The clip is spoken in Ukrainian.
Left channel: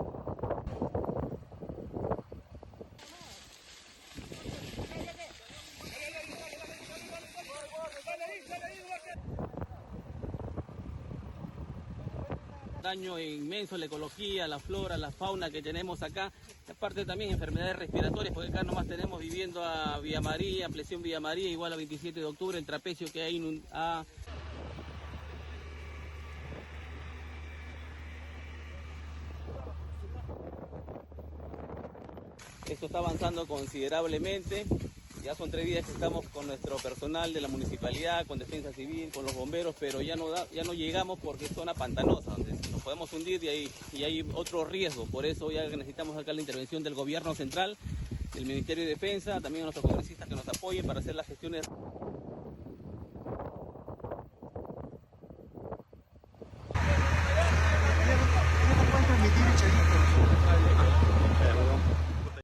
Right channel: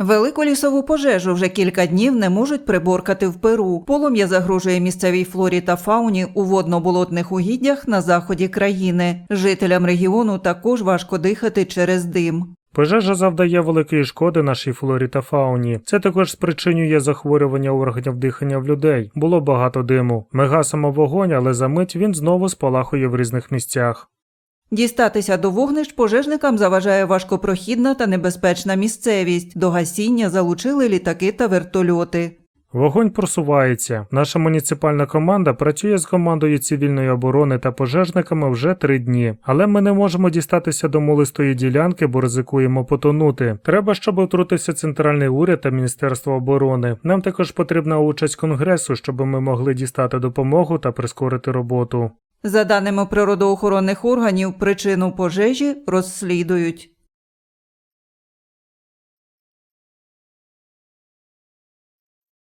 Велику лісову пожежу вже кілька днів не можуть приборкати в Перу. Полум'я загрожує місцевій флорі та фауні у водно-болотних угіддях на заході країни. Жителям регіону також важко дихати через дим. Пожежа завдає великої шкоди нашій флорі та фауні. Це також спричинює захворювання органів дихання в людей. Було багато диму. Ми гасимо вогонь, але за мить він знову спалахує в різних місцях. Дістатися до вогнищ пожежникам заважає важкопрохідна та небезпечна місцевість. До гасіння залучили літаки та вертольоти. Вогонь просувається. Наша муніципальна команда працює з командою цивільної оборони та пожежниками вже три дні. Але ми не можемо дістатися до молистої ділянки, бо ризикуємо потонути. Треба, щоб втрутився центральний уряд та міністерство оборони. Нам також потрібна участь конгресу, щоб ми могли дістати допомогу та прискорити роботу. За даними природоохоронних органів, причину пожежі розслідують.